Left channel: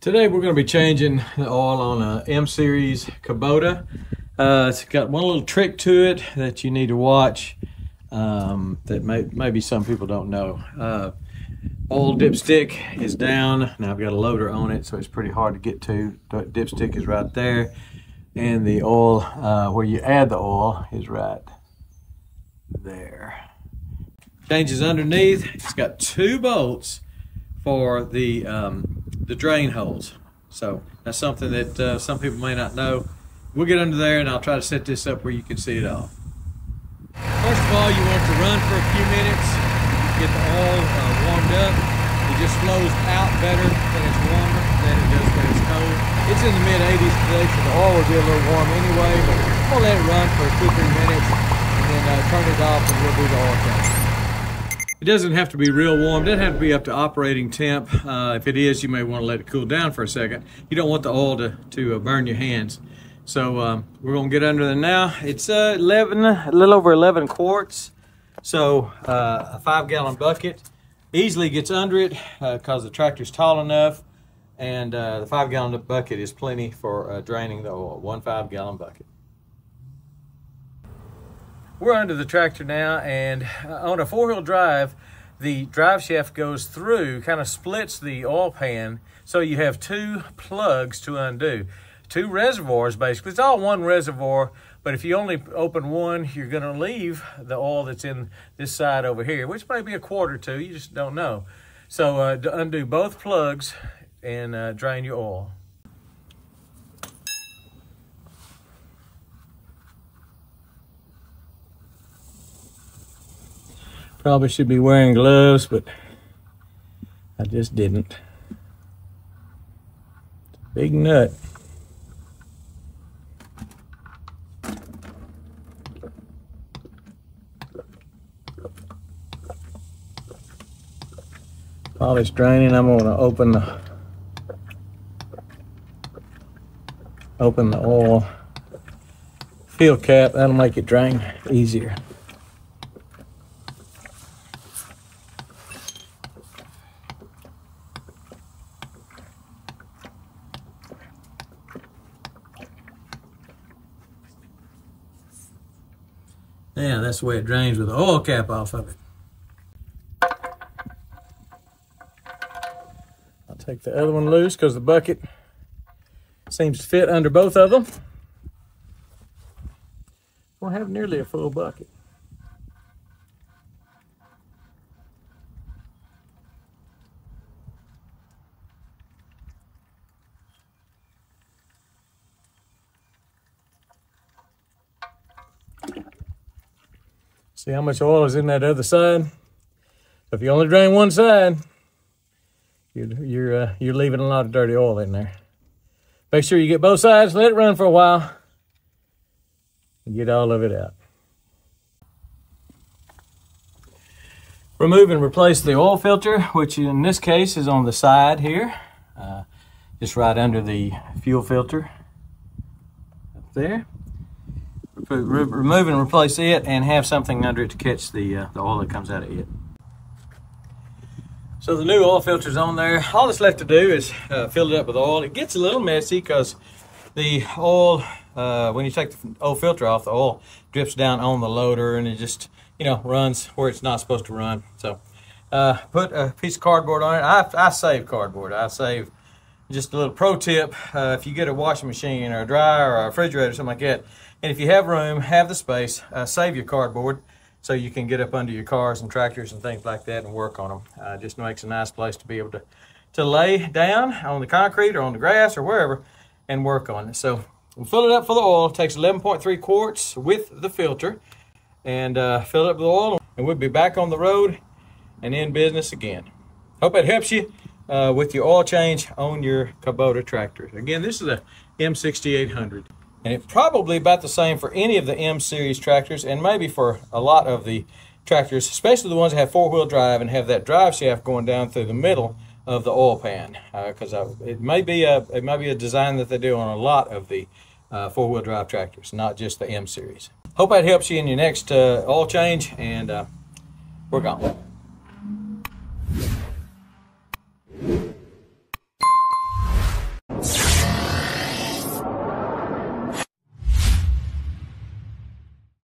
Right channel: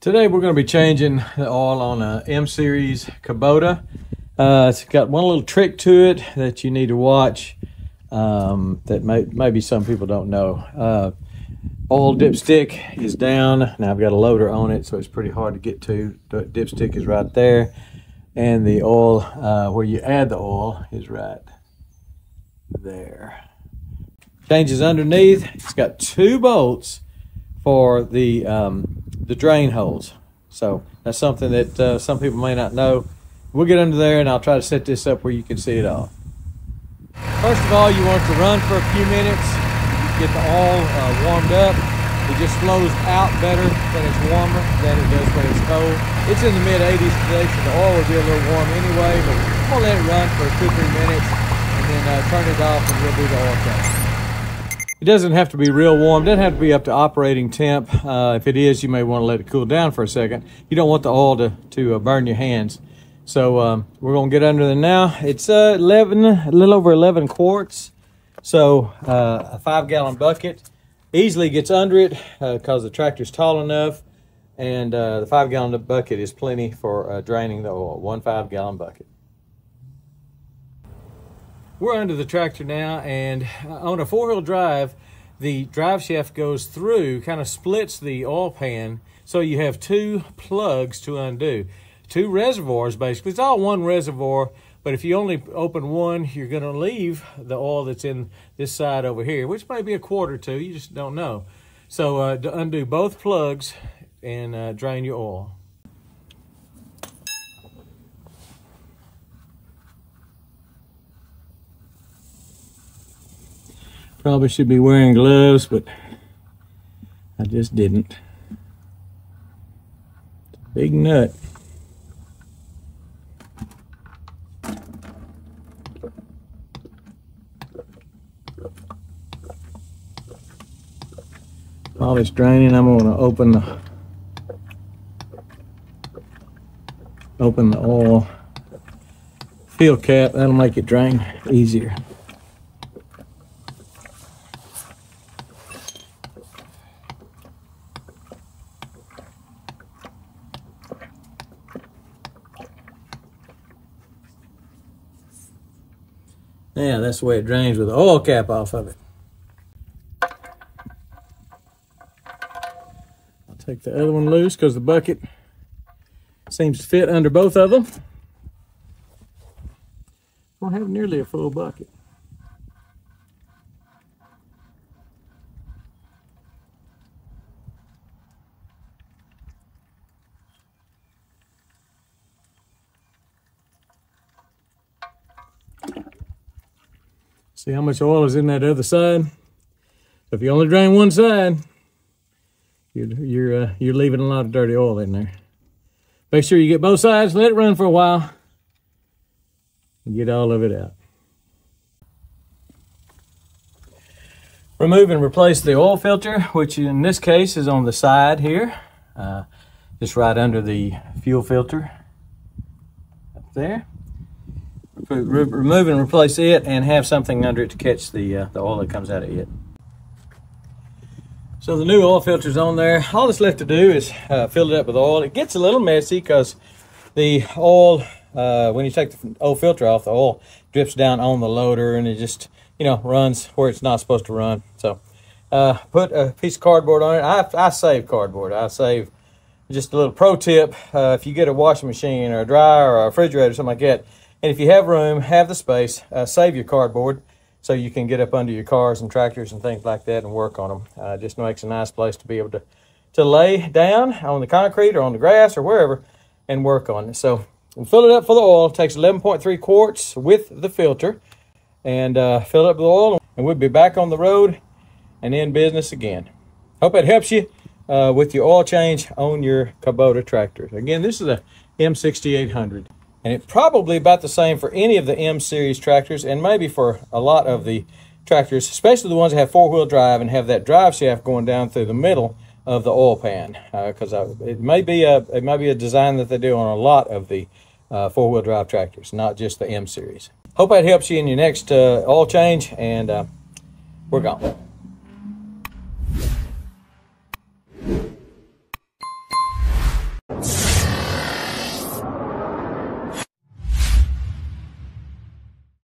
Today we're going to be changing the oil on a M-Series Kubota. It's got one little trick to it that you need to watch that maybe some people don't know. Oil dipstick is down. Now I've got a loader on it, so it's pretty hard to get to. The dipstick is right there. And the oil, where you add the oil, is right there. Changes underneath. It's got 2 bolts for the drain holes. So that's something that some people may not know. We'll get under there and I'll try to set this up where you can see it all. First of all, you want it to run for a few minutes. Get the oil warmed up. It just flows out better when it's warmer than it does when it's cold. It's in the mid-80s today, so the oil will be a little warm anyway, but I'm gonna let it run for 2 or 3 minutes and then turn it off and we'll do the oil change. It doesn't have to be real warm. It doesn't have to be up to operating temp. If it is, you may want to let it cool down for a second. You don't want the oil to burn your hands. So we're going to get under there now. It's a little over 11 quarts. So a 5-gallon bucket easily gets under it because the tractor's tall enough. And the 5-gallon bucket is plenty for draining the oil. 1 5-gallon bucket. We're under the tractor now, and on a 4-wheel drive, the drive shaft goes through, kind of splits the oil pan, so you have 2 plugs to undo. 2 reservoirs, basically. It's all one reservoir, but if you only open one, you're going to leave the oil that's in this side over here, which may be a quart or 2, you just don't know. So undo both plugs and drain your oil. Probably should be wearing gloves, but I just didn't. Big nut. While it's draining, I'm going to open the oil fill cap. That'll make it drain easier. Yeah, that's the way it drains with the oil cap off of it. I'll take the other one loose because the bucket seems to fit under both of them. We'll have nearly a full bucket. See how much oil is in that other side? So if you only drain one side, you're leaving a lot of dirty oil in there. Make sure you get both sides, let it run for a while, and get all of it out. Remove and replace the oil filter, which in this case is on the side here, just right under the fuel filter up there. Remove and replace it and have something under it to catch the oil that comes out of it. So the new oil filter's on there. All that's left to do is fill it up with oil. It gets a little messy because the oil, when you take the oil filter off, the oil drips down on the loader and it just, runs where it's not supposed to run. So put a piece of cardboard on it. I save cardboard. I save just a little pro tip. If you get a washing machine or a dryer or a refrigerator or something like that, and if you have room, have the space, save your cardboard so you can get up under your cars and tractors and things like that and work on them. Just makes a nice place to be able to lay down on the concrete or on the grass or wherever and work on it. So we'll fill it up full of oil. It takes 11.3 quarts with the filter, and fill it up with oil, and we'll be back on the road and in business again. Hope that helps you with your oil change on your Kubota tractor. Again, this is a M6800. And it's probably about the same for any of the M-Series tractors, and maybe for a lot of the tractors, especially the ones that have 4-wheel drive and have that drive shaft going down through the middle of the oil pan. Because it may be a design that they do on a lot of the 4-wheel drive tractors, not just the M-Series. Hope that helps you in your next oil change, and we're gone.